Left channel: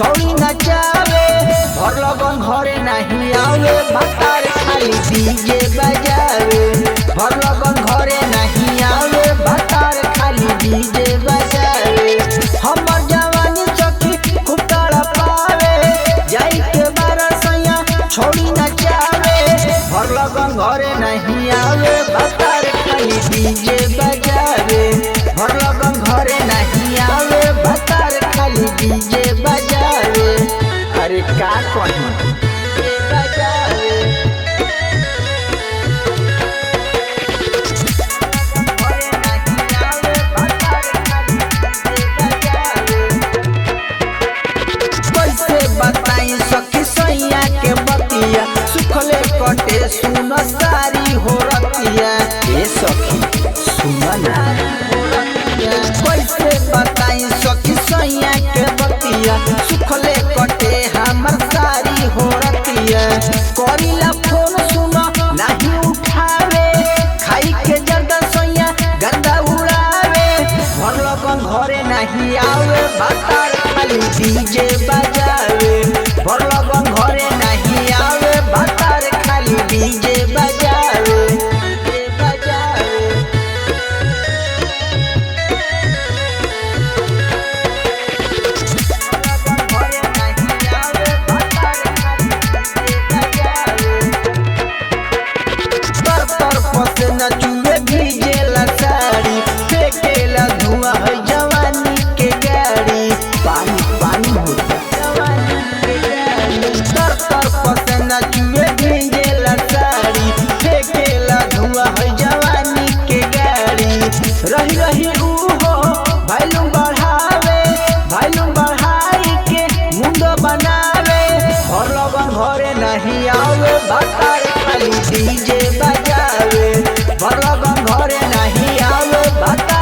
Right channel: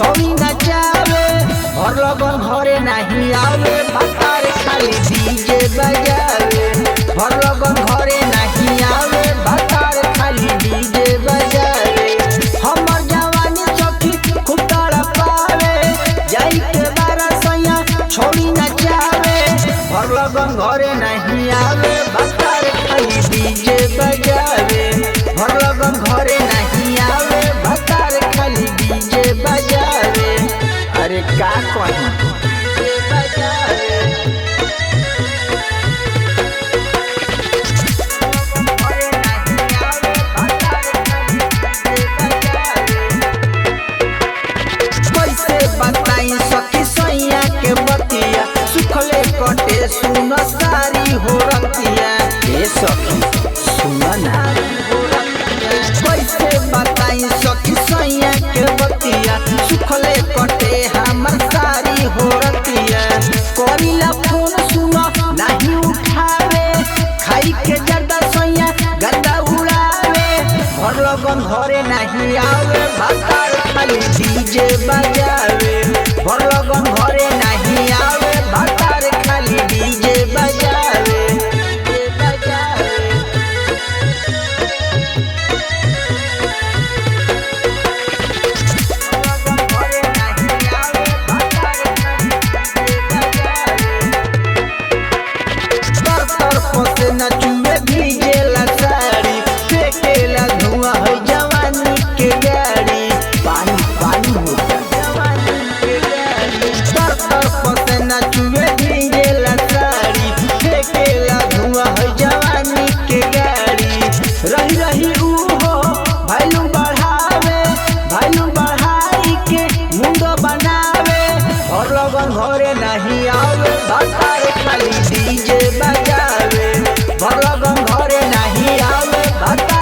छौड़ी नचावे और लगन घरे नहीं आवे भतार खाली डीजे बजावे और लगन घरे नहीं आवे भतार खाली डीजे बजावे। हमर जवानी सखी खूब तड़पावे जाई के बारह सैया छौड़ी नचावे और लगन घरे नहीं आवे भतार खाली डीजे बजावे और लगन घरे नहीं आवे भतार खाली डीजे बजावे। अरे का कहीं डीजे बजावे बताई सखी सैया के बतिया सुखले कटे सुन सारी हो रतिया। ए सखी सुन ना कैसे बताई सखी सैया के बतिया सुखले कटे हमर सारी हो रतिया। करीला फोन सुन नहीं उठावे खाई के जर्दा सैया गर्दा उड़ावे भर लगन घरे नहीं आवे भतार खाली डीजे बजावे भर लगन घरे नहीं आवे भतार खाली डीजे बजावे डीजे बजावे। से नचुए भीजेला साड़ी फेंकेला धुआं है जवानी के गाड़ी पानी पानी होता जवानी के गाड़ी। तर से नचुए भीजेला साड़ी फेंकेला धुआं है जवानी के गाड़ी। रही रही उहो भैलू बढ़ाई के मुंडो बनावे और लगन घरे नहीं आवे भतार खाली डीजे बजावे और लगन घरे नहीं आवे भतार